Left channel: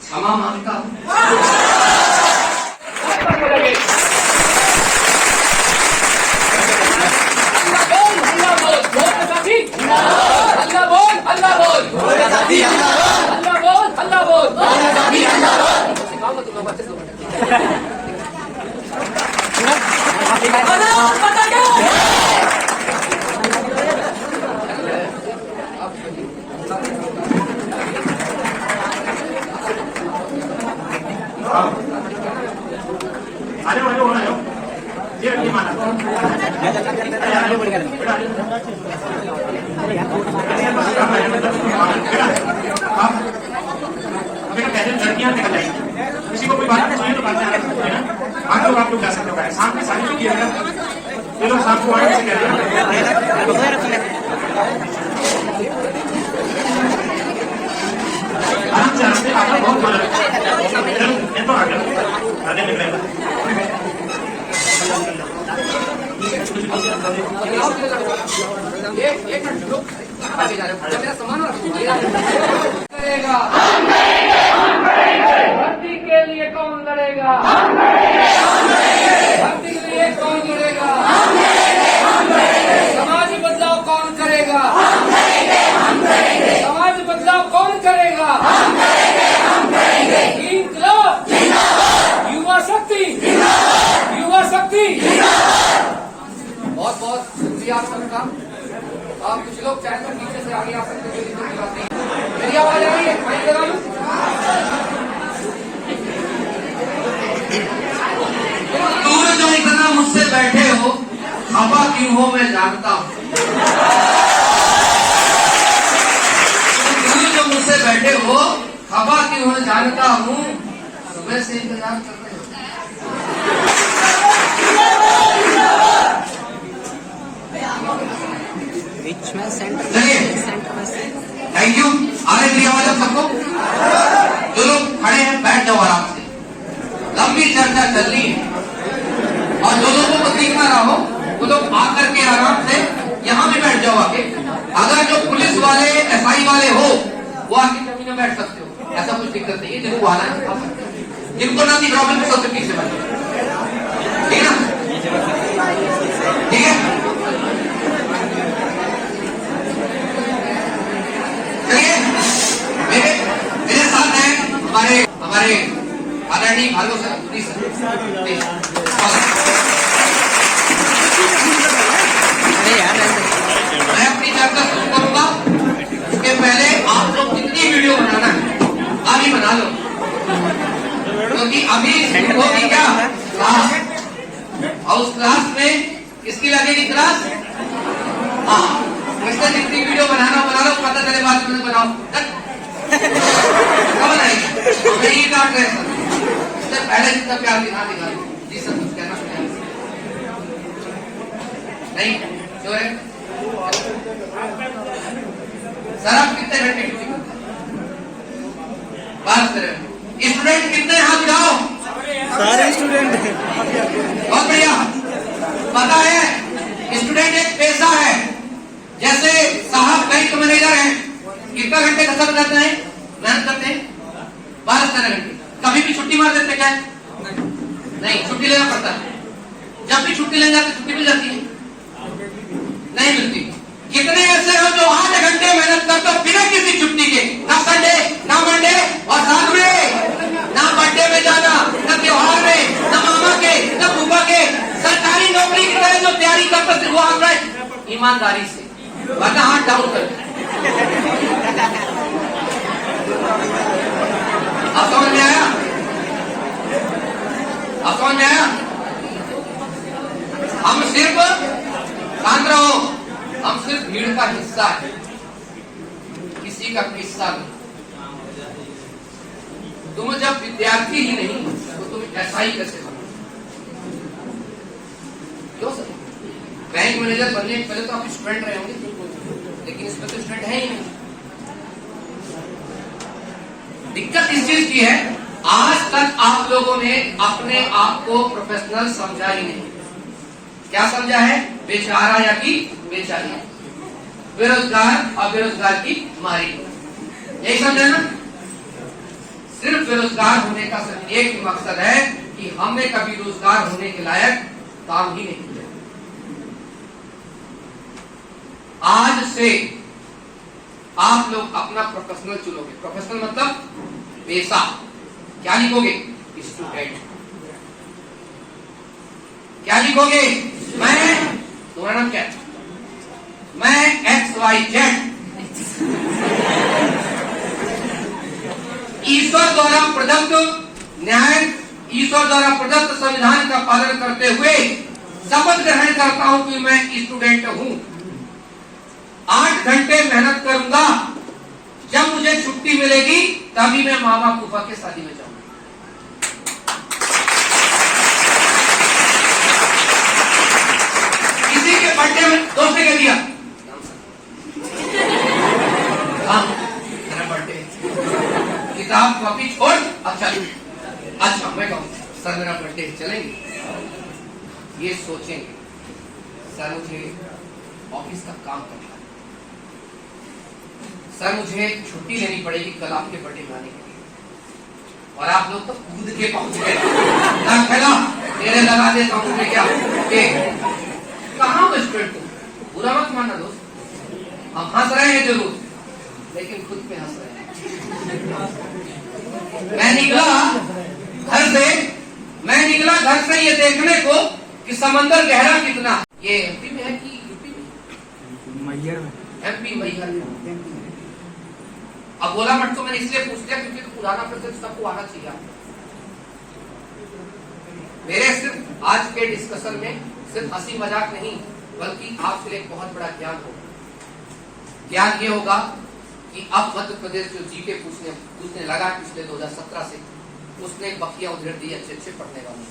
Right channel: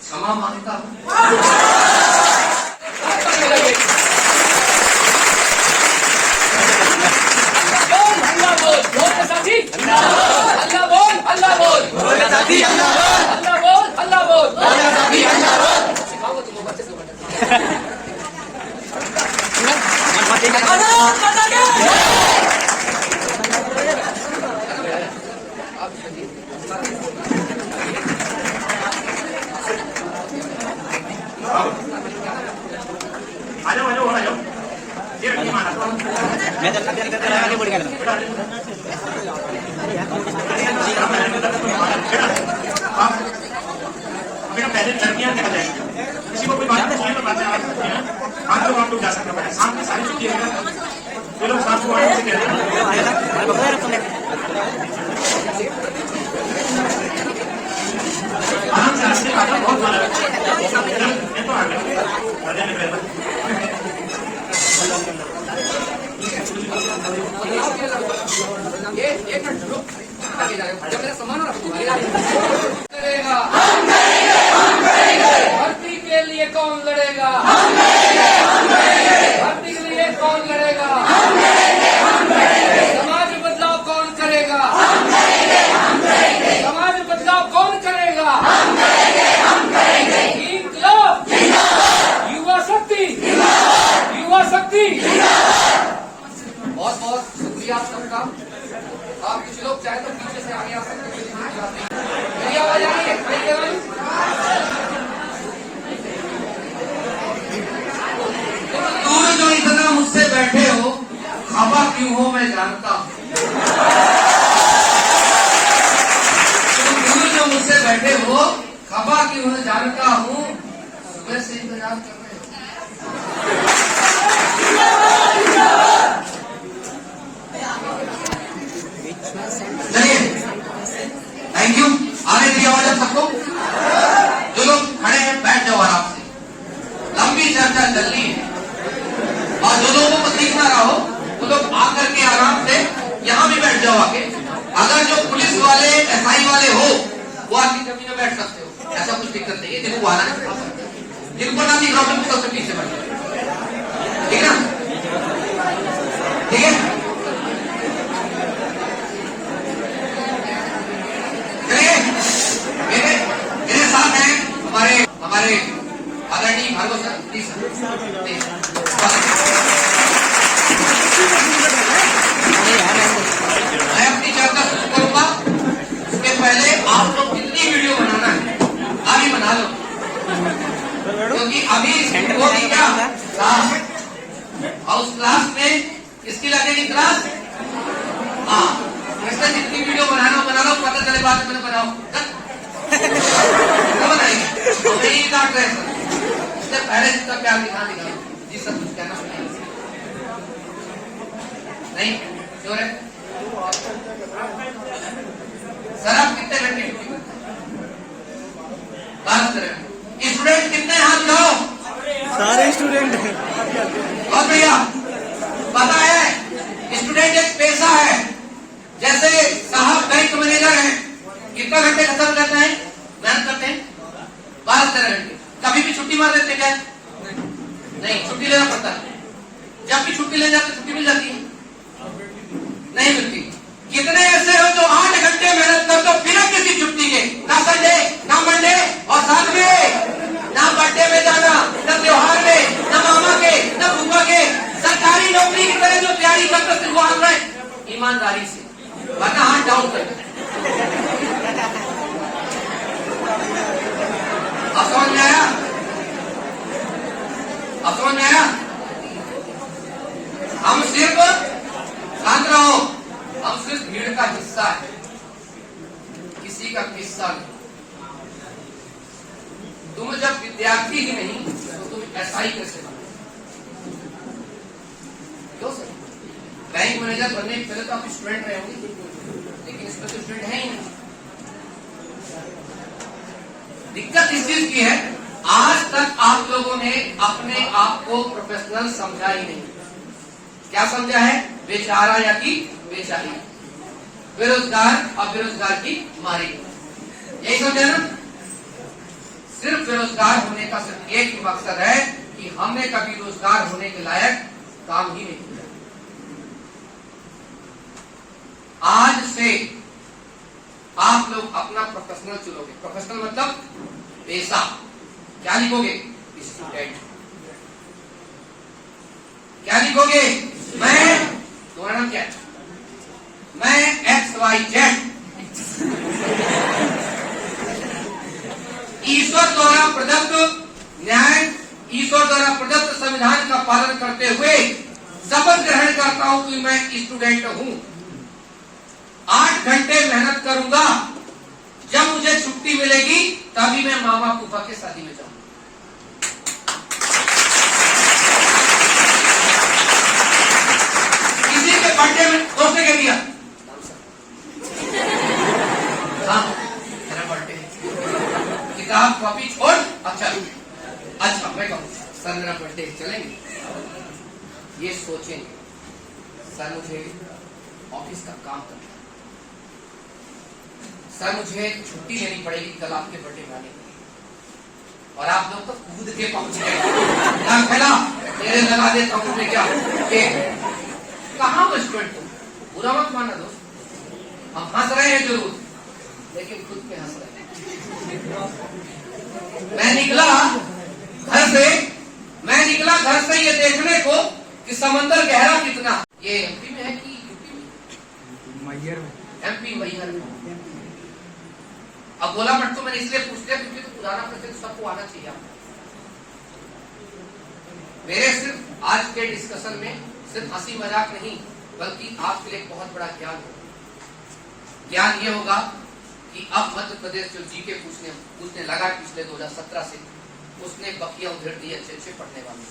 क्षमा मांगता हूँ। लड़कियां क्या जाएंगी, किसी को कोई बात चाहिए तो बातें आप लोग जा सकते हो। सामने सारी चीज किया ये लोग साथ को आराम से कह रहे हैं। आराम से बहुत तो आ गया करेगा भर्ती के लिए कौन लड़ेगा, भर्ती के लिए कौन लड़ेगा, समाज बदलाव कौन करेगा, समाज बदलाव कौन करेगा, इंकलाब युवा शक्ति, युवा शक्ति। बहुत बहुत शुक्रिया आप सबका। और कुछ लोग चाहे तो पीछे से आगे आ सकते हैं। मेरी आवाज आ रही है? तुम जो इतना मुझसे बैठे हो खफा क्यों हो मैं जानता हूँ। तुम जो मुझसे बैठे हो खफा क्यों हो जानता हूँ। सुबह से इंतजार कर रहे हो। Thank you. आ रही थी आवाज आप सबको? जो लोग खड़े हैं बैठ जाओ आराम से। लंबी चर्चा चल रही है और जो लोगों को दिख ना रहा हो वो लोग आकर के आराम से यहाँ भी बैठ जाओ आके। अगर जो पुलिस वाले एसआई वाले हो वो आपकी जमीन में बैठ सकते हो, ऐसा कुछ दिक्कत नहीं है। जिनको आना है जिनको ना भी प्रॉब्लम सबसे पीछे बैठे, ठीक है ना? ठीक है, मेरे साथ है हमारे आदरणीय भार्गव सर। प्लीज मैं अपनी चर्चा शुरू करूंगा। उसके पहले आप लोग कितनी वीडियो बनाना है अभी बना लो, क्योंकि अभी होगी क्या क्लास, और उस क्लास में किसकी लगेगी क्लास? हाँ, इसमें जितनी वीडियो बनाना बना लो, पता चले बात क्यों बनाओ। नहीं ये बात है, इससे पहले जितना प्यार दिखा जी सब कुछ कहना नहीं जो है। सर आप कितने घंटे बात करें? स्टूडेंट कितने हाथ उठाओ? सारे स्टूडेंट। बहुत बढ़िया। पता है स्टूडेंट एक पैसा है, जैसे साहब बैंक मैनेजर है, कितना घंटे खत्म करते हैं, मेहनत करते हैं 12-13 घंटे। कभी भी छुट्टी मार देते क्या? नहीं, छुट्टी लेना पड़ता है। जब भी छुट्टी लेने जाते छुट्टी मिल जाती है? नहीं मिलती। कितने ऐसे हो जो 8 घंटे मेहनत करते हो बिना किसी छुट्टी के, ना संडे ना मंडे, और साथ में ना बर्थडे में जाना, ना त्योहार में, ना मामा के, ना फूफा के। सरकारी नौकरी की तरह जो तैयारी करते सिर्फ वो हम ईमानदारी से, वरना हाथ डाउन कर। अब समझ में आया? अब समझ में आया? हम सिर्फ शांत रहो, हम सिर्फ भीड़ का हिस्सा है, किसी का किस्सा नहीं। तुम जब विद्यार्थी ही नहीं तो तुम एसआई कैसे बनो? क्यों सर? बैंक मैनेजर बनने के पहले तो आप स्टूडेंट रहे होंगे, लेकिन इसमें तो स्टूडेंट है ही नहीं। दिक्कत इस चीज की है, आज तक आप लोगों ने अपने आप को प्रोफेशनल समझा ही नहीं। क्या समझा है? बेचारा या कि बेचारी, बेरोजगार और बेरोजगार की मारी, यही समझे ना? सिर्फ बेरोजगार होने का सिर्फ एक ही मकसद है कि हमने कभी रोजगार होने के लायक काम ही नहीं किया। आज से आप लोग अपना प्रोफेशनल चुनोगे। प्रोफेशनल मतलब पेशा। क्या लिखोगे? स्टूडेंट। क्या लिखोगे? मैं, तुम्हारा नाम क्या है? मैं XYZ ईश्वर द्वारा प्रदत्त न्याय, ईश्वर द्वारा प्रदत्त संविधान का पालन करते हुए शपथ ग्रहण करता हूं कि मैं स्टूडेंट हूं। 8 घंटे मेहनत करूंगा, जब मुझे छुट्टी मिलेगी तभी मैं मामा फूफा के शादी में जाऊंगा। किसी के बर्थडे में दोस्त ने कह दिया, हाँ मेरा बर्थडे, किताब कॉपी छोड़, अच्छा मैं कहूँ सर मेरा बर्थडे, चलेंगे? ये सोचेंगे सर मुझे ऑफिस का काम करना है, सर मुझे छुट्टी लेनी पड़ेगी कल आपके बर्थडे मनाने के लिए, और आप लोग तो कूद के पहुंच गए। खेला मेरे लगा देता हूँ क्या कहाँ स्टूडेंट तुम, बुरा मत मानना दोस्त, हम हंस रहे हैं जरूर लेकिन खुद पे हंस रहे हैं। मैं निकला घर से ये देखने को कि समंदर गहरा कितना। ये एमपी में है कि यूपी में? मैहर में। एमपी मैहर में। अब गोला मठ तो मैंने इसलिए पूछ लिया क्योंकि तो पुराना प्रश्न सबको आना चाहिए। मेरे सिर्फ आज के डिस्कशन में सिर्फ हंसी मजाक नहीं बल्कि आपके लिए बहुत बड़ा ज्ञान होगा। ज्ञान ये होगा कि अब मध्य प्रदेश जो जीके पूछने लगा पिछले 2017 से, उसने बखिया उधेड़ दी अच्छे पढ़ने वाले।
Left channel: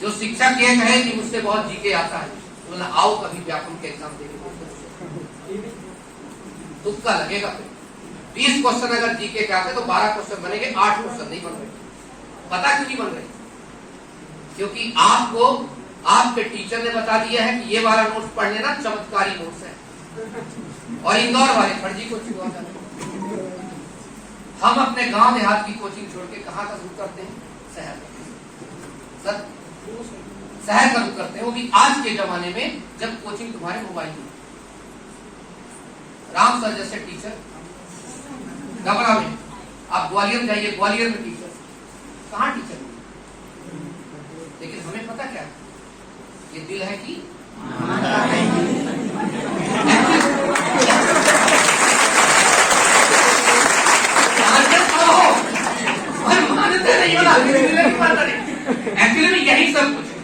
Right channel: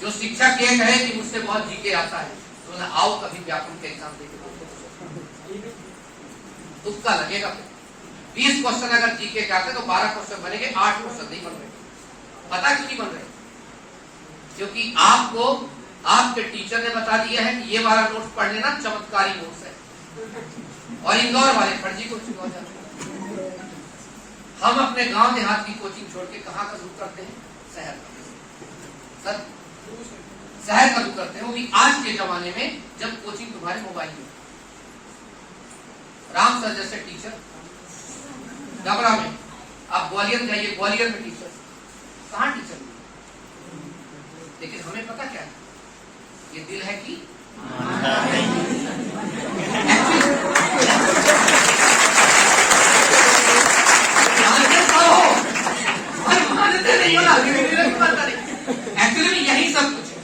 जो शिक्षक ये कहे कि मुझसे बहुत जीके आता है तो ना आओ कभी व्याकरण के एग्जाम देने, तुक्का लगेगा। 20 क्वेश्चन अगर जीके के आते तो 12 क्वेश्चन बनेंगे, 8 क्वेश्चन नहीं बन रहे। पता क्यों नहीं बन रहे? क्योंकि आपको आपके टीचर ने बता दिया है कि ये वाला नोट्स पढ़ लेना, चमत्कारी नोट्स है, और इंदौर वाले फर्जी कोचिंग वाले। हम अपने गांव देहात की कोचिंग छोड़ के कहां का रुख करते हैं? शहर का। शहर का रुख करते हैं, वो भी आज के जमाने में जब कोचिंग तुम्हारे मोबाइल में। राम सर जैसे टीचर डबरा में, आप ग्वालियर जाइए, ग्वालियर में टीचर कहां टीचर, लेकिन हमें पता क्या है? ये दिल है कि मानते नहीं हो ना, एक्चुअली में यही सब कुछ है।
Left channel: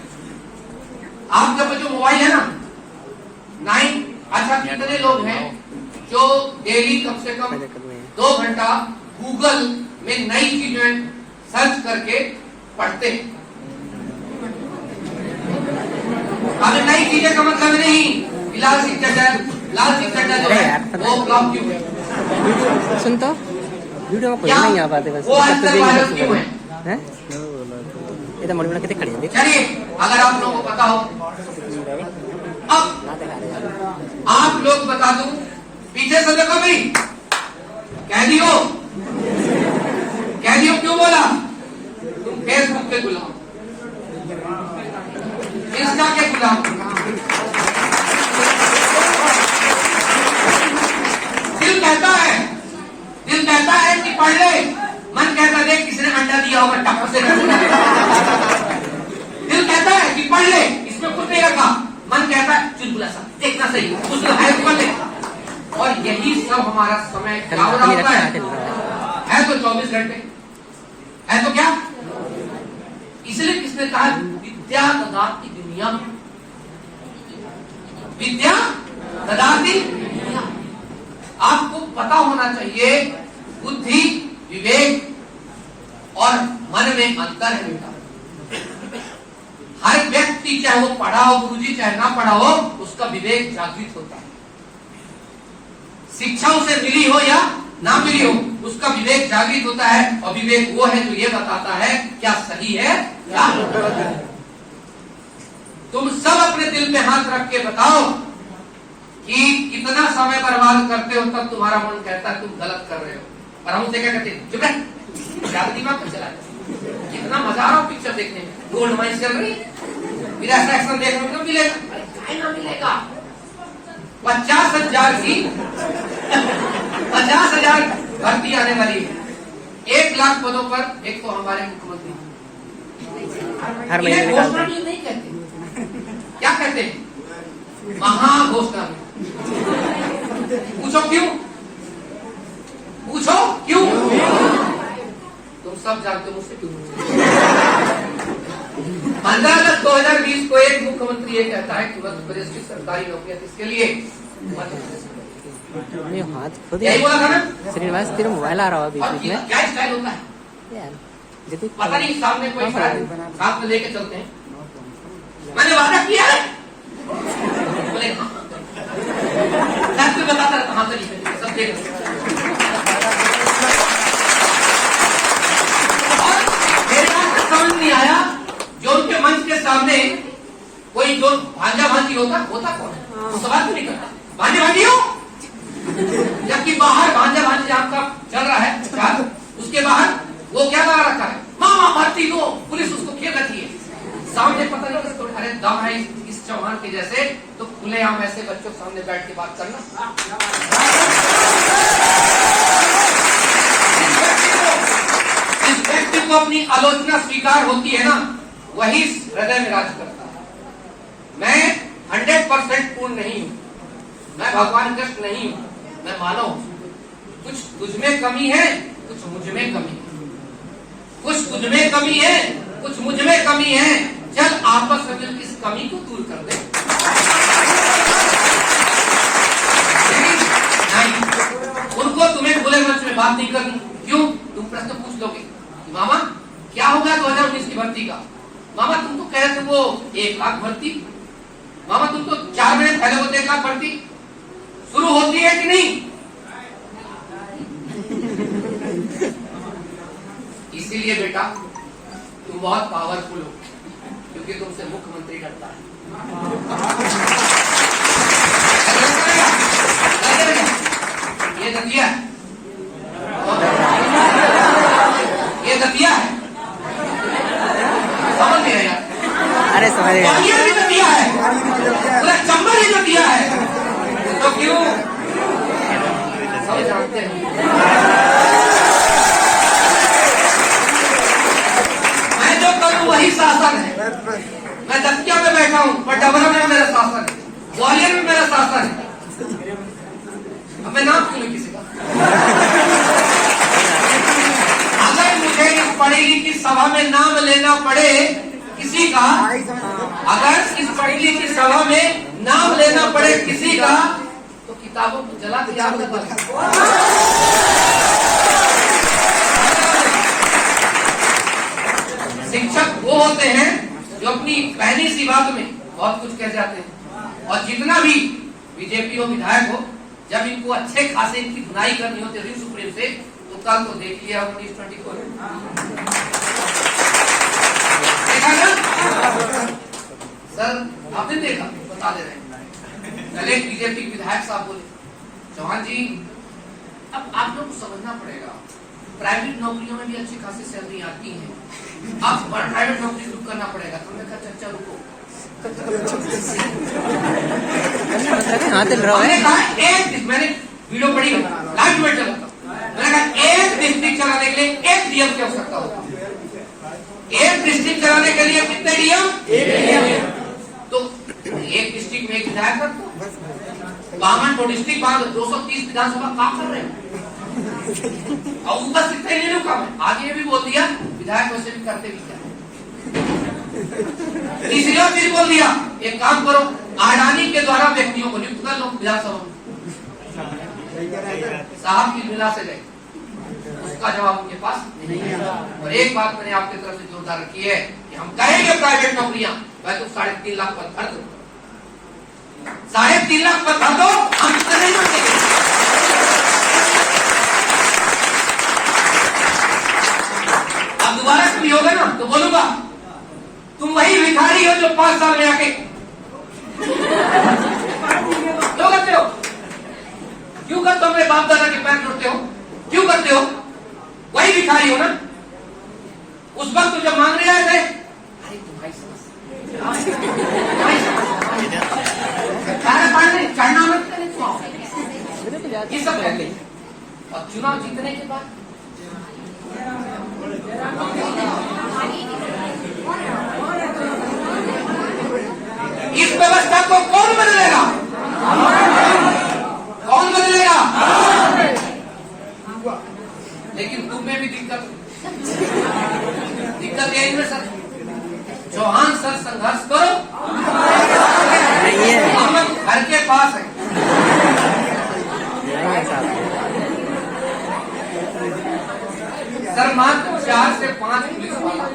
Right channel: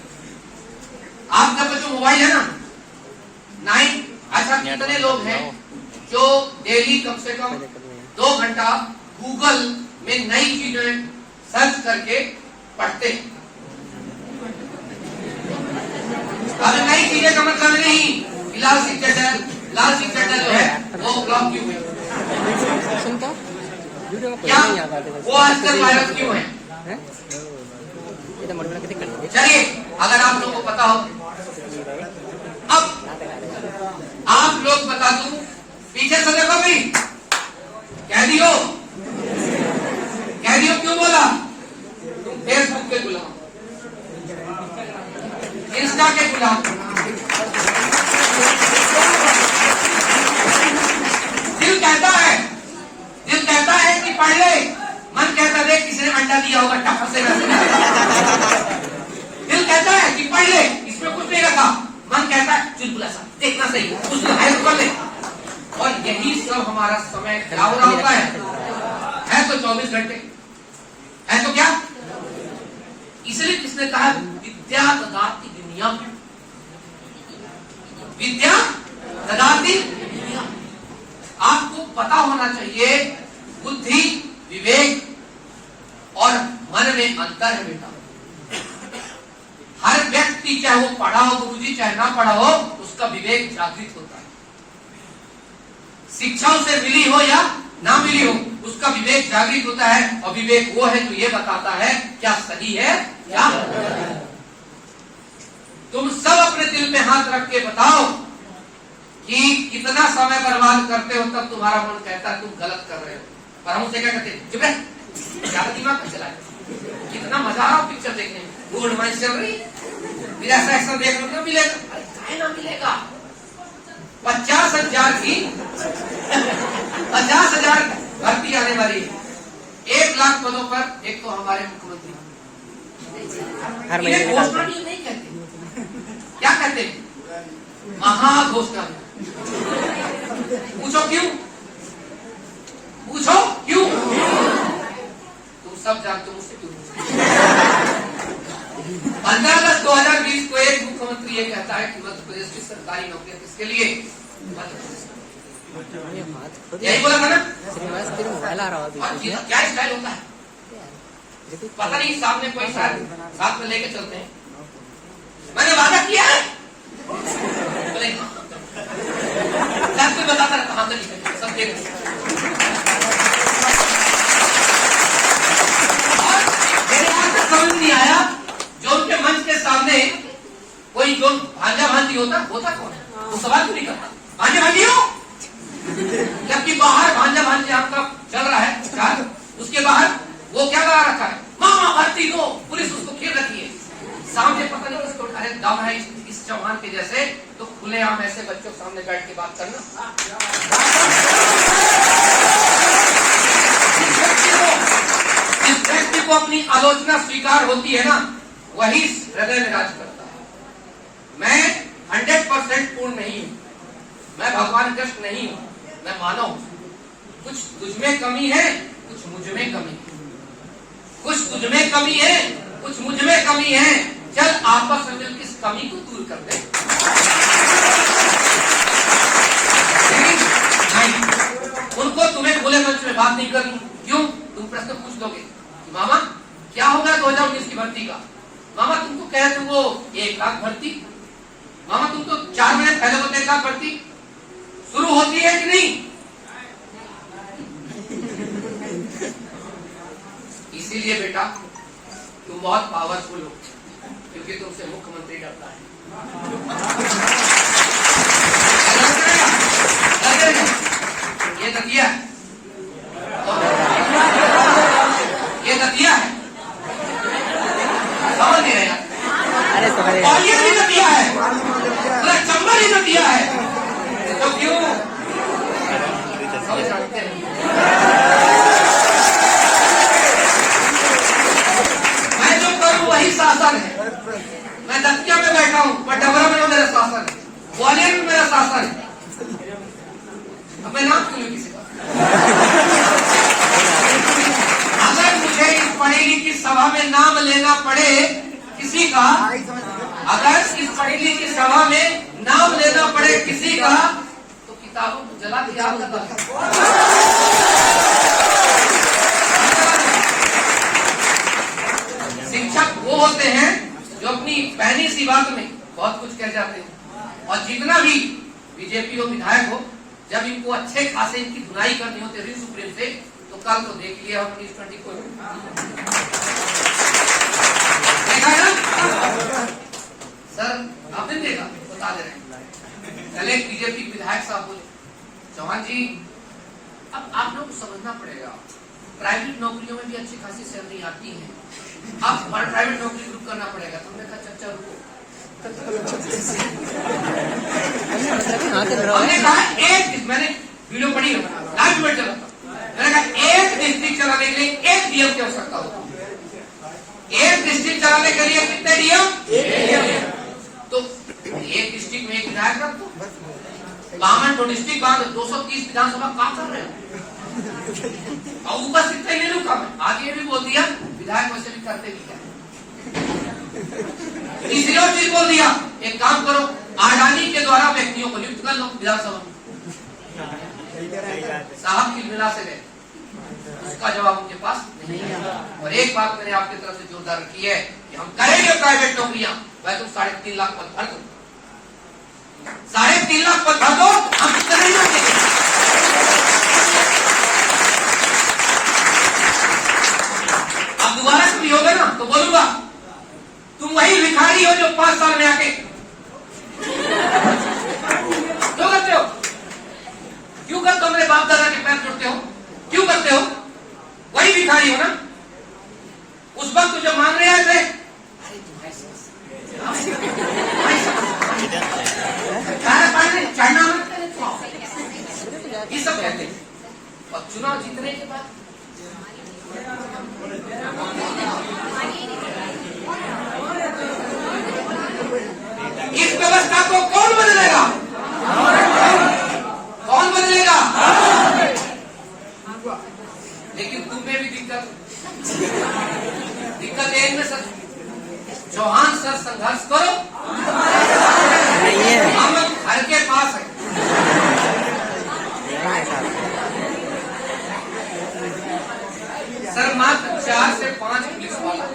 आपका जो मोबाइल है ना 9, अच्छा कितने लोग हैं जो डेली कम से कम 2 घंटा गूगल में नई चीजें सर्च करके पढ़ते हैं? अब नई चीजें का मतलब नहीं लाल सिंह चड्डा जो है वो ब्लॉक क्यों है? सुनता वीडियो को क्या नहीं आ पाते, वो आजकल वायरल क्यों है? ये तो मोड़ कितने खड़े हैं। चलिए अगर आप लोगों को पता हो, अब आप लोग बता दूं, पीछे को देखो भाई, कैदियो क्यों बोला? तुम फेसबुक के गुलाम, इंस्टा के गुलाम, दिल कहता है कि पढ़ ले, मन कहता है किसी ने अंडा दिया होगा टप्पा से। दिल कहता है कि पढ़ ले, इसमें कुछ नहीं रखा, मन कहता है चुलबुला सा देखना सही, उसको हायर कर ले। और यही सब हमारा समय खराब होता है तो 24 घंटे है तो क्या? इसलिए किसने कहा विद्या ददाति दुनिया, विद्या ददाति दुनिया। आपको पता होना चाहिए बुद्धि, विवेक और मन में अंतर है बेटा। हर व्यक्ति चाहे वो पढ़ा हो गुरुजी चाहे ना पढ़ा हो, उसका विवेक जागृत होता है। शिक्षा उसे मिली हो या ना मिली हो, उसका विवेक जागृत होता है। और विवेक वो है जो ये बताता है क्या सही है क्या। दिल में हाथ रख के बताओ कि कितना समय बर्बाद करते हो, तब तुम्हारा मन कहता है तुम गलत कर रहे हो। और हम उसे क्या कहते हैं, चुप रह, ज्यादा दिमाग मत चला। कितना मजा आ रहा हो पिक्चर देखने में, गोल्ड माइन चल रही, फिर ऐसा एक्शन देखने को मिलेगा, अरे ना मिलेगा। 50,000 की 50,000 भर्ती आने वाली है, 1 लाख पदों पर। एक तो हमारे मुख्यमंत्री हर महीने इन्हें निकालते घोषणा हैं। नहीं कहते, क्या कहते हैं, महाघोषणा। पूछो क्यों, पूछो क्यों, तुम सब जानते हो, मुझसे क्यों। 15 अगस्त 2020 को एक मुख्यमंत्री ये कहता है कि मध्य प्रदेश की सरकारी नौकरियां किसके लिए, ये हाथ खुद यही बोला था ना। श्रीनिवास तेरे मोबाइल आ रहा है और बीच में क्या स्टाइल होता है, यार, जैसे पता नहीं, सामने कोई शायद साथ में लेके चलते हैं, मैंने वादा किया है, बोले हाँ, मैं बताता रहता, हाँ तो नहीं, सब देख समझ नहीं आया। जो उनके मंच के सामने कोई जो भांजा भांजी होता कौन है, वो सवाल तो नहीं करता, भांजा भांजी हो, जबकि बाहर भांजा भांजी आपका चल रहा है प्रचार, उसके बाहर वो क्या गा रखा है, मामा भर्ती दो, पुलिस उसको खेल रखी है, सामने पता नहीं किसको, अरे दम है इस चौहान के जैसे, तो खुलेआम ऐसे बच्चों के सामने बैठ के बात करना। जिस व्यक्ति को अपनी आलोचना स्वीकार होती है ना, वही हृदय में राज करता है। मैं 100% पूर्ण नहीं हूं, मैं भगवान कृष्ण नहीं हूं, मैं मानव हूं। कुछ तुझ में कमी है, कुछ मुझ में कमी है, कुछ तुझ में कमी है, कुछ मुझ में कमी है, चल आपस में मिलकर इस कमी को दूर कर दे। नहीं, उनको तुम्हें खुले मंच में बात नहीं करनी। क्यों, तुम प्रश्न पूछ लोगे कि मामा क्या होगा 2019 की भर्ती का, मामा तुम तो कह रहे थे वो 1 लाख भर्ती, मामा तुम तो 4 महीने पहले तो 1 लाख भर्ती शुरू होती है कि नहीं। इसीलिए बेटा तुम बहुत पावरफुल हो, क्योंकि तुमसे मुख्यमंत्री डरता है। ये दतिया, ये दतिया है, समझ नहीं रहे, अरे समझ गया, और ये भी दतिया है, पूरा चंबल ही दतिया है, तो क्यों सब जानते हैं। मैं जो करूं वही शासन है। मैं दतिया में बैठा हूं, पर डबरा में मेरा शासन है, ग्वालियर में मेरा शासन है। अब मैं नाम क्यों किसी का, अगर मुझे इस पढ़ी लिखी सभा में नाम लेना पड़े किसी का, अगर इस पढ़ी लिखी सभा में नाम लेना पड़े किसी का, तो किताबों को जला के याद करना। शिक्षक वो होते हैं जो अपनी पहली सी बात में बहुत कुछ कह जाते हैं, और जितना भी बीजेपी हो, विधायक हो, जब इनको अच्छे खासे इनकी धुनाई करनी होती है सुप्रीम से, तो कल तो देख लिया हम T20 को, देखा ना सर, आपने देखा, बता दे रहे हैं। पहले एक बीजेपी विधायक साहब बोले, चौहान जी अब आप लोग को समझना पड़ेगा, प्राइवेट नौकरियों में भी अच्छी खासी सैलरी आती है, आप प्राइवेट नौकरी शुरू करना पड़ेगा। तुमने कहा अच्छा रुको, हाँ चल रहा है। मैंने कहा एक, मैंने वीडियो पढ़ी लाइव में चला, मैंने कहा एक डिस्ट्रिक्ट चलाने के लिए 1 डीएम की आवश्यकता होती है। 1 डिस्ट्रिक्ट चलाने के लिए कितने डीएम, तो 1 डिस्ट्रिक्ट में 1 विधायक रख दो, 52 डिस्ट्रिक्ट बांध, 230 विधानसभा काम कर रहे हो, और ऊपर कितने नहीं रुका। मैं आगे भी बोल दिया, विधायक वैसे भी करते भी क्या, तीसरी और चीज बोल दिया, एक काम करो, अडानी के द्वारा व्यक्तियों को नियुक्त कर लो विधानसभा में। साहब की मिला से गए, उसका जवाब उनके पास नहीं है। और एक बात मैंने आपकी तरफ से जोरदार रखी है कि हम करेंगे प्राइवेट नौकरियां, मैं तो 3.5 लाख पद भर दो, 3.5 लाख पद भर दो, हम कितने नहीं देंगे। अब दोबारा से भी होगा ना तो बोलूंगा, तुम वही भिखारी हो जो 5 साल में आके क्यों करते हो? क्यों करते हो? मेरे बाप दादा के पैर टूटते हो? क्यों करते हो? वही भिखारी हो ना? उस वक्त तो जब मांगने आए थे, अरे तुम्हारी खाना पानी चढ़ना मत करने क्यों आओ? ये सब कहते हैं। और चुनाव जीतने के बाद इस व्यवस्था को कौन बदलेगा? कौन बदलेगा? लेकिन तुम में भी दिक्कत है इनमें सर। चौहान सर संघर्ष करो, नहीं है, हम लोग घर के पास है। नहीं है साहब। सर मात्र 4 से 5 पुलिस वाला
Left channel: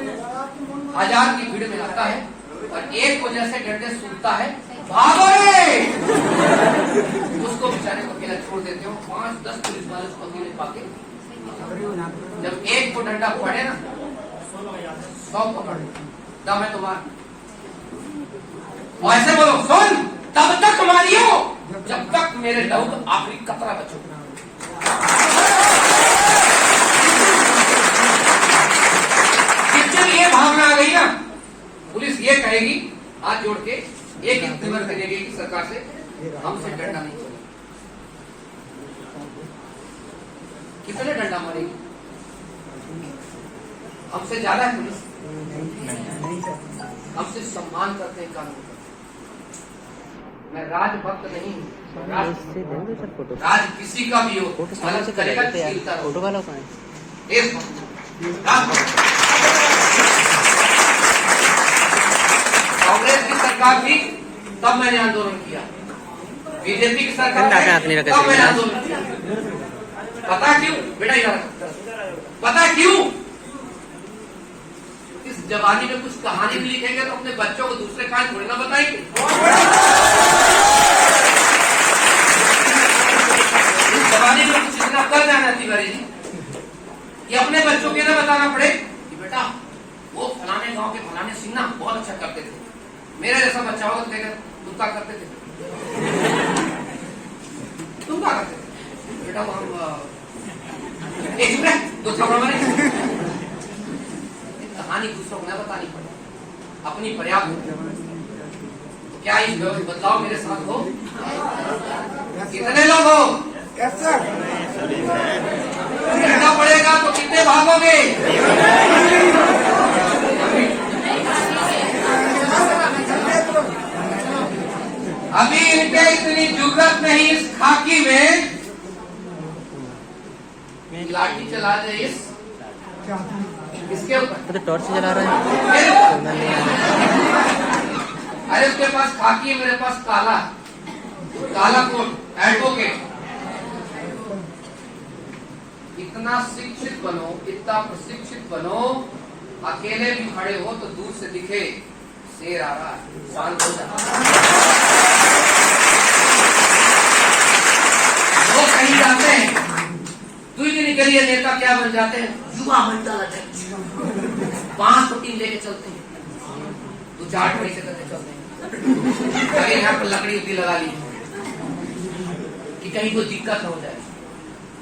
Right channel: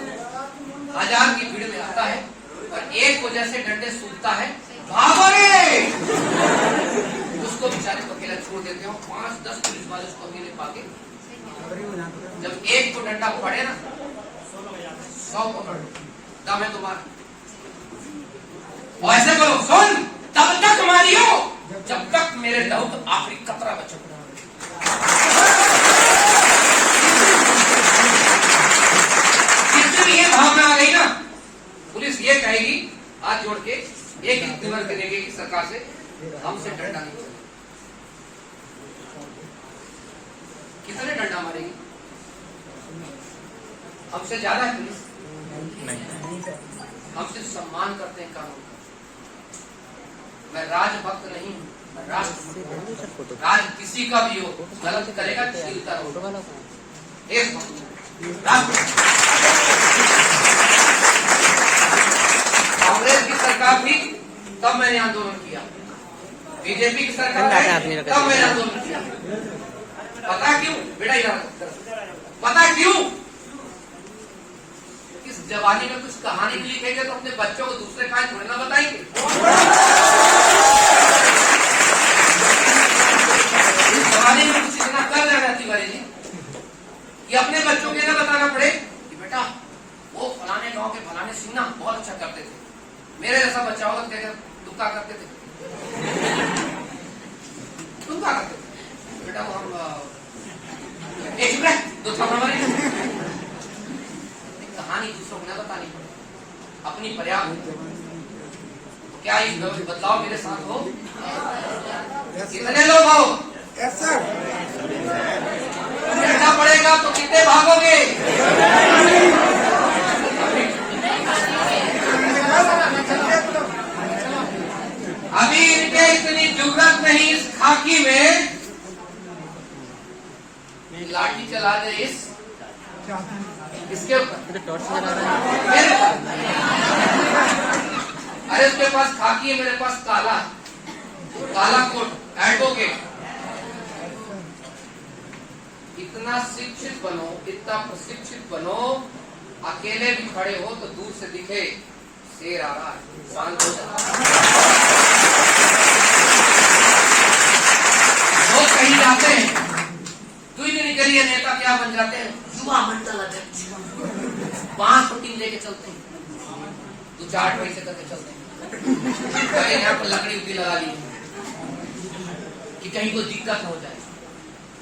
1000 की भीड़ में आता है और एक वजह से डंडे सूखता है, भागो रे! उसको बेचारे को अकेला छोड़ देते हो। 5-10 पुलिस वाले उसको अकेले पाके, जब एक को डंडा पड़े ना 100 पकड़ दम है तुम्हारा। और ऐसे बोलो, सुन, तब तक मारियो जब तक मेरे लहू का आखिरी कतरा बचे। कितनी ये भावना आ गई ना, पुलिस ये कहेगी हाथ जोड़ के, एक निवेदन करेगी कि सरकार से हमसे डंडा नहीं चलेगा। कितने डंडा मारेगी? हमसे ज्यादा है पुलिस। हम सिर्फ सम्मान करते हैं कानून का। मैं राजभक्त नहीं हूँ, राज किसी का भी हो, गलत करेगा फोटो वाला कौन है? कांग्रेस की सरकार थी तब मैंने आंदोलन किया, बीजेपी की सरकार तब मैंने आंदोलन किया। पता क्यों बेटा? यार पता क्यों? इस जवानी में कुछ कहानी भी लिखेंगे तो अपने बच्चों को दूसरे कहानी थोड़ी ना बताएंगे। इस जवानी में कुछ इतना कर जाना तिवारी जी कि अपने बच्चों के ना बताना पड़े कि बेटा वो फलाने गांव के फलाने सिंह ना बहुत अच्छा करते थे, मेरे जैसा बच्चा होगा तो तुम क्या करते थे? तुम क्या करते थे? बेटा वो एक मिनट दूसरा कहानी दूसरों को न बतानी पड़े, अपनी पर्याप्त। क्या इस बदलाव मेरे साथ हो? कितने लोग हो? डरना पड़ेगा तो कितने भागोगे? अभी इनके इतनी जुर्रत नहीं इस खाकी में लाठी चला दे इसके ऊपर। तो टॉर्च जला रहा है। अरे उसके पास खाकी है, मेरे पास काला, काला कोट, एडवोकेट। इतना शिक्षित बनो, इतना प्रशिक्षित बनो, अकेले भी खड़े हो तो दूर से दिखे शेर आ रहा है, साल हो वो कहीं जाते हैं, तू ही नहीं करिए नेता क्या बन जाते हैं, युवा मंडल अध्यक्ष 5 मीटिंग लेके चलते हैं, 2-4 पैसे करके चलते हैं। यहाँ पर लकड़ी उकड़ी लगा ली कि कहीं कोई दिक्कत हो जाए।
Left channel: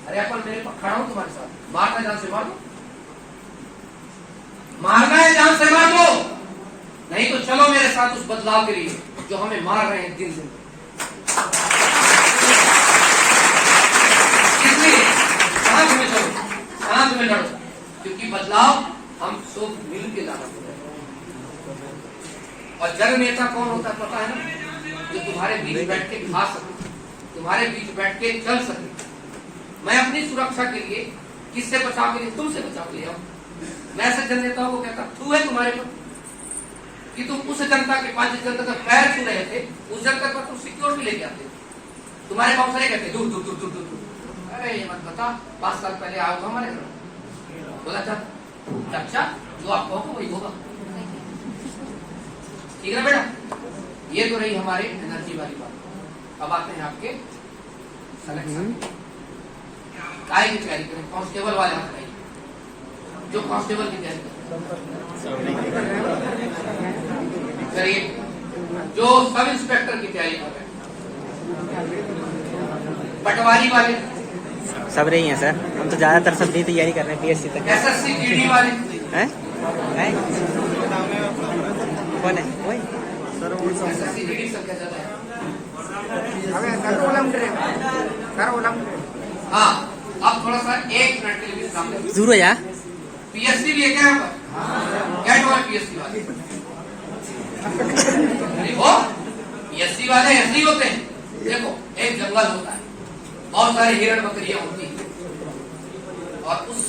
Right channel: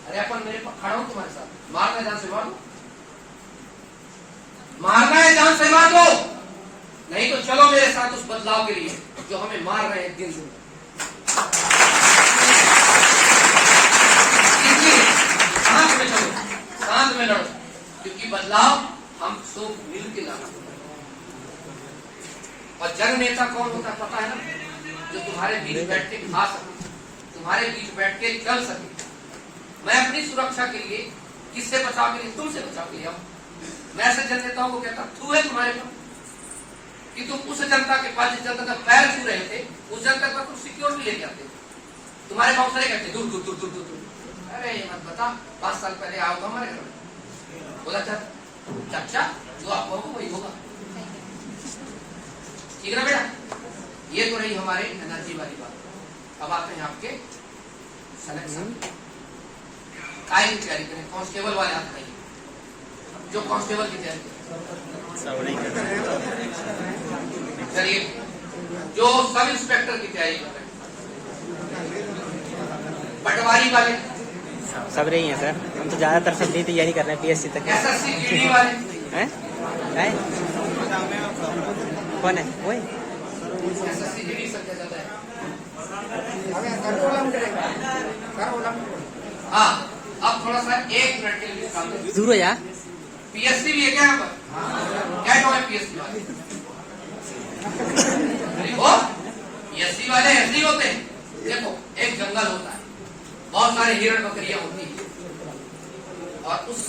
अरे अपन मेरे पास खड़ा हूं तुम्हारे साथ, मारना जान से मार लो, मारना है जान से मार लो, नहीं तो चलो मेरे साथ उस बदलाव के लिए जो हमें मार रहे हैं दिन दिन। साथ में चलो, साथ में लड़ो, क्योंकि बदलाव हम सब मिल के लाना होगा। और जन नेता कौन होता है पता है ना? जो तुम्हारे बीच बैठ के खा सके, तुम्हारे बीच बैठ के चल सके। मैं अपनी सुरक्षा के लिए, किससे बचाव के लिए? तुमसे बचाव के लिए। मैं ऐसे जन नेताओं को कहता तू है तुम्हारे को कि तुम उस जनता के पास, जिस जनता का पैर छू रहे थे, उस जनता पर तुम सिक्योरिटी लेके आते। तुम्हारे पास सही कहते दूर दूर दूर दूर दूर दूर। अरे ये मत बता, 5 साल पहले आया था हमारे घर, बोला चाचा जो आप कहोगे वही होगा। ठीक है बेटा? ये तो रही हमारे एनर्जी वाली बात। अब आते हैं आपके सिलेक्शन। काय की तैयारी करें? कांस्टेबल वाले हाथ लगाइए, जो कांस्टेबल की तैयारी करें। करिए, जो सब इंस्पेक्टर की तैयारी कर रहे हैं, पटवारी वाले, सब रही हैं सर। हम तो ज्यादातर सब भी तैयारी कर रहे हैं पीएससी तक। एसएससी जीडी वाले, हैं? कौन है? एसएससी जीडी संख्या ज्यादा है। हाँ, अब थोड़ा सा 1 मिनट के लिए विश्राम लें। दूर हो जा। पीएससी भी है क्या यहाँ पर? क्या है पीएससी वाले? नहीं हो, पीएससी वाले ऐसे ही होते हैं। देखो, एक जंगल होता है, बहुत सारी हिरण बकरियां होती हैं, और उस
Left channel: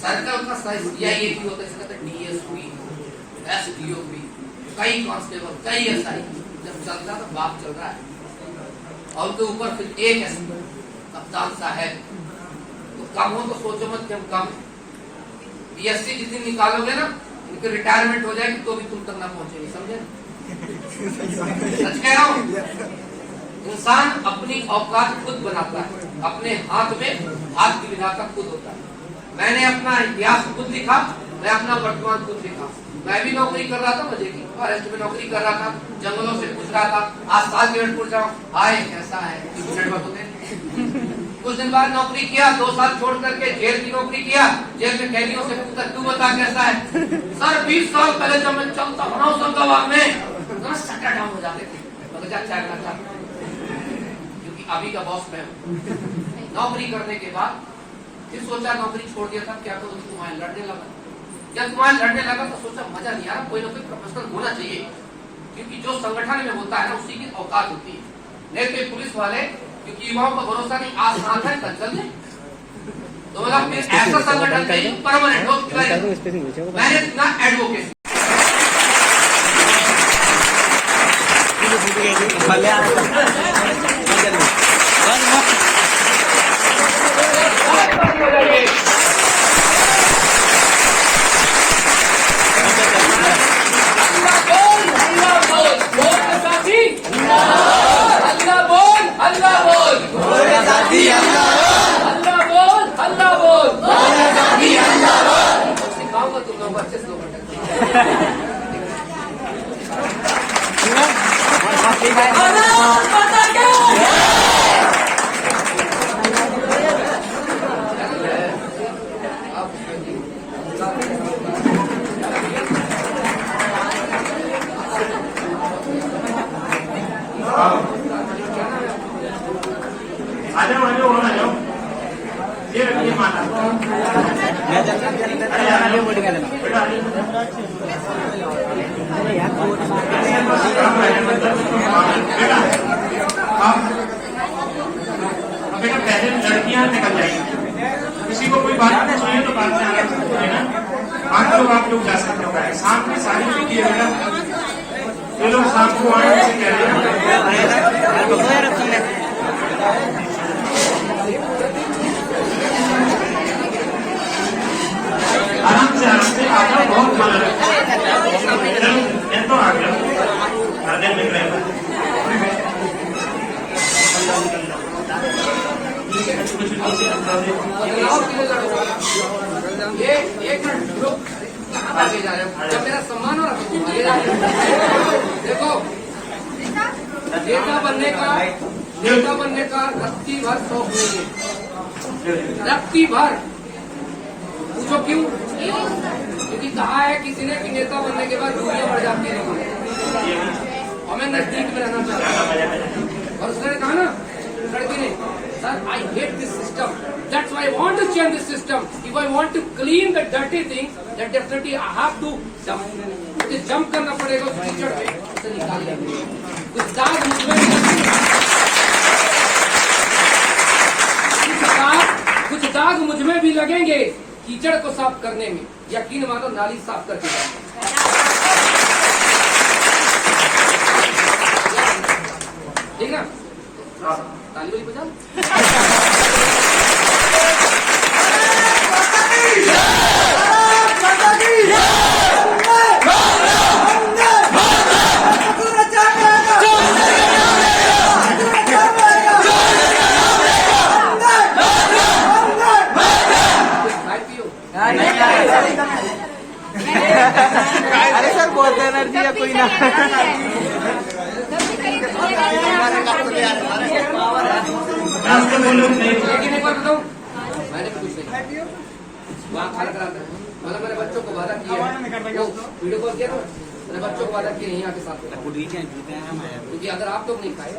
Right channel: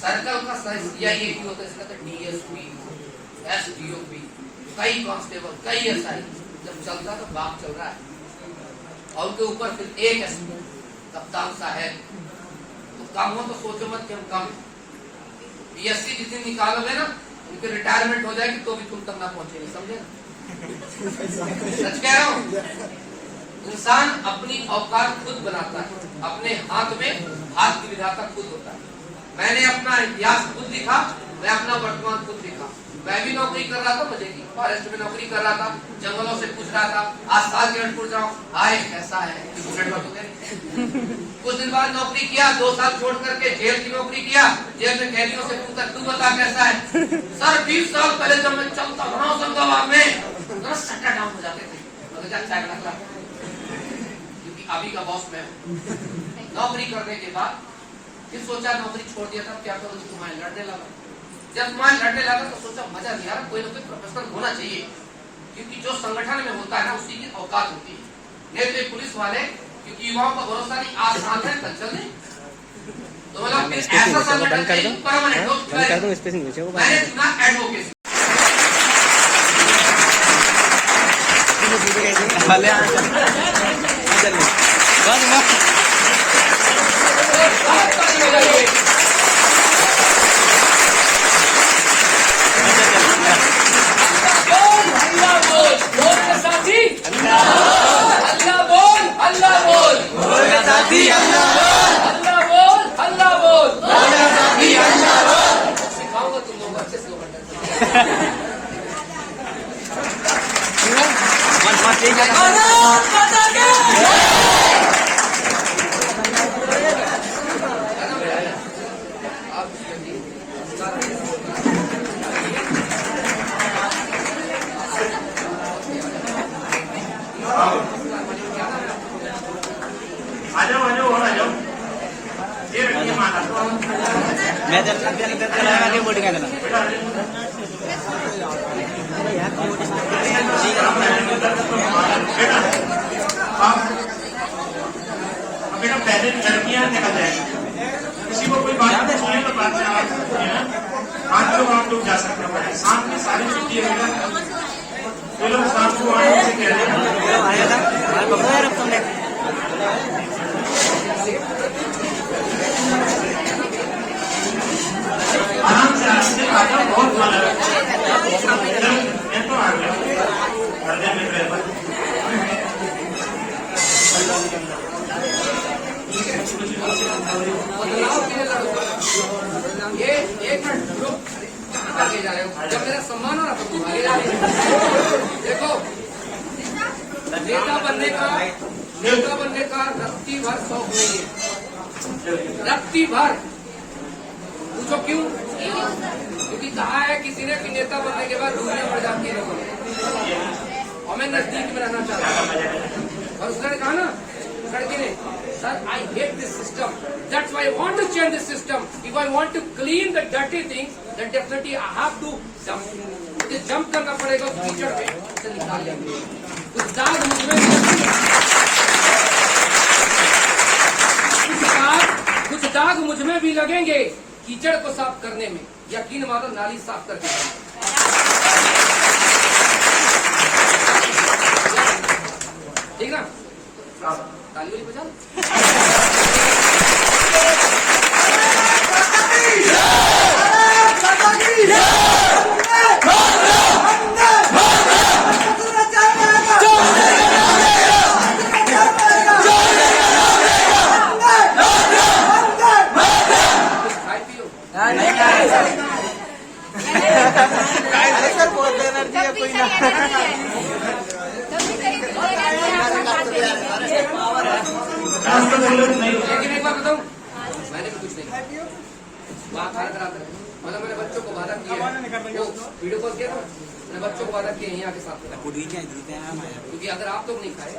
सर्कल का सीआईए होता है, इसका डीएसपी, एसडीओपी, कई कांस्टेबल, कई एसआई। जब चलता तो बाप चल रहा है, और उनके ऊपर फिर एक कप्तान साहब। तो कम हो तो सोचो मत कि हम कम है। पीएससी जिस दिन निकालोगे ना, उनकी रिटायरमेंट हो जाएगी तो भी तुम तक ना पहुंचेगी, समझे? सच कह रहा हूं। इंसान अपनी औकात खुद बनाता है, अपने हाथ में हाथ की विधाता खुद होता है। मैंने अपना इतिहास खुद लिखा, मैं अपना वर्तमान खुद लिखा। मैं भी नौकरी कर रहा था, मजे की फॉरेस्ट में नौकरी कर रहा था, जंगलों से पूछ रहा था, आज 7 मिनट पूछ जाऊँ, आए कैसा है, कुछ दिन बाद नौकरी किया, 2 साल छोड़ करके जेल की नौकरी किया। जेल में कैदियों से पूछा, तू बता कैसा है? सर 20 साल पहले जब मैं चलता बना होशंगाबाद में, सट्टा डाउन हो जाते थे, मगर चाय बनाता, क्योंकि अभी का बॉस मैं हूं। नौकरी करने के बाद फिर सोचा नौकरी छोड़ दिया था, क्या करूं? तुम्हारे लड़ने लगा। जब तुम्हारे लड़ने लगा तो सोचा मजा नहीं आ रहा, कोई ना कोई प्रोफेशनल होना चाहिए, क्योंकि जो संगठन में होता है ना, उसी की औकात होती है। नहीं तो पुलिस वाले, क्योंकि युवाओं का भरोसा नहीं, आज साथ है कल चल जाए। तो मतलब ऐसा संगठन चाहिए परमानेंट हो। मैंने चुना एडवोकेसी। सिखाऊंगा तुम लोगों को अच्छे से पहले लड़कियां निकल जाएंगी, किसी को कोई बात नहीं है तो बात से आराम से बोलेना। 5 लोग आप लोग जा सकते हो, साथ में सारी छुट्टी है। ये लोग साथ को आराम से कह रहे हैं, आराम से बहुत मजा है। तो आ गया करने में ये एक आगे जा रहे हो, जब मेरा सम्मान हो रहा था तुम्हारे देखो, नेता बनने का रत्ती भर शौक नहीं है, रत्ती भर। पूछो क्यों? क्योंकि कहा है किसी ने कि नेता बनने के बाद दुनिया बढ़ जाती है, और मैं नजदीक में रहना चाहता हूँ। और उसने कहा ना लड़की ने, sir I hate this system, that's why I want to change this system. If I want to clean the dirty things, then definitely I have to jump. मुझे जंप करना पड़ेगा कीचड़ में, उसे निकाल लेंगे। कुछ दाग मुझ में भी लगेंगे कीचड़ को साफ करने में, यकीन मानो नाली साफ करके ठीक ना? ताली वाली बजाओ। कोई ना आज तो बोलो नहीं मैंने तो कुछ नहीं वहाँ खाना कराता है मतलब मैंने बच्चों को वादा किया वीडियो कॉल किया मैंने बच्चों को वादा किया यहाँ के साथ क्योंकि अगर आप लोग नहीं खाए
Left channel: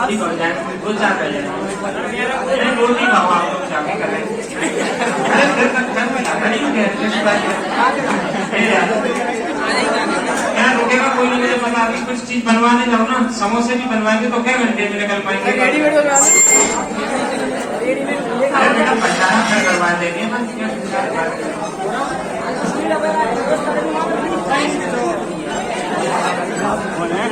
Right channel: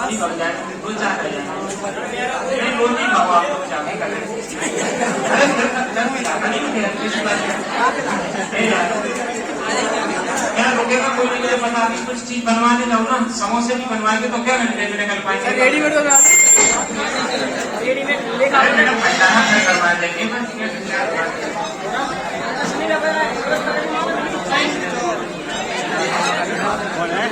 खाली बढ़ जाए भूल जाता है रोटी खाओ आप लोग जाके करें क्या रुकेगा कोई नहीं मुझे पता अभी कुछ चीज बनवाने जाओ ना समोसे भी बनवाएंगे तो क्या घंटे में निकल पाएंगे मैडम भंडारा में करवा देंगे कौन है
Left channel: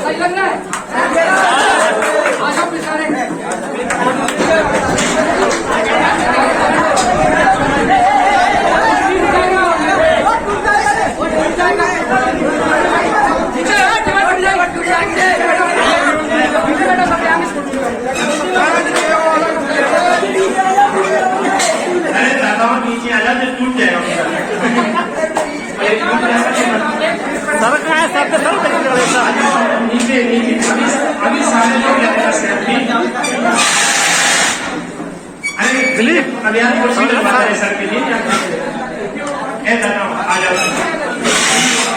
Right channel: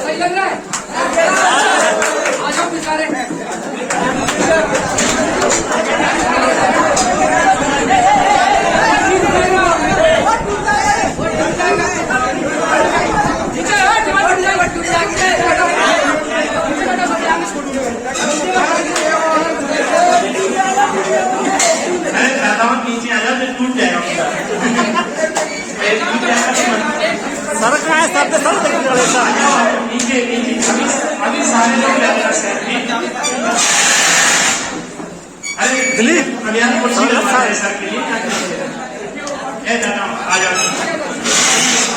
सही लग रहा है नीचे आ जा फिर टूट जाएगा सड़क है सब सब नीचे नीचे अभी सामने दिलीप अभियान को सर के लिए आ जाओ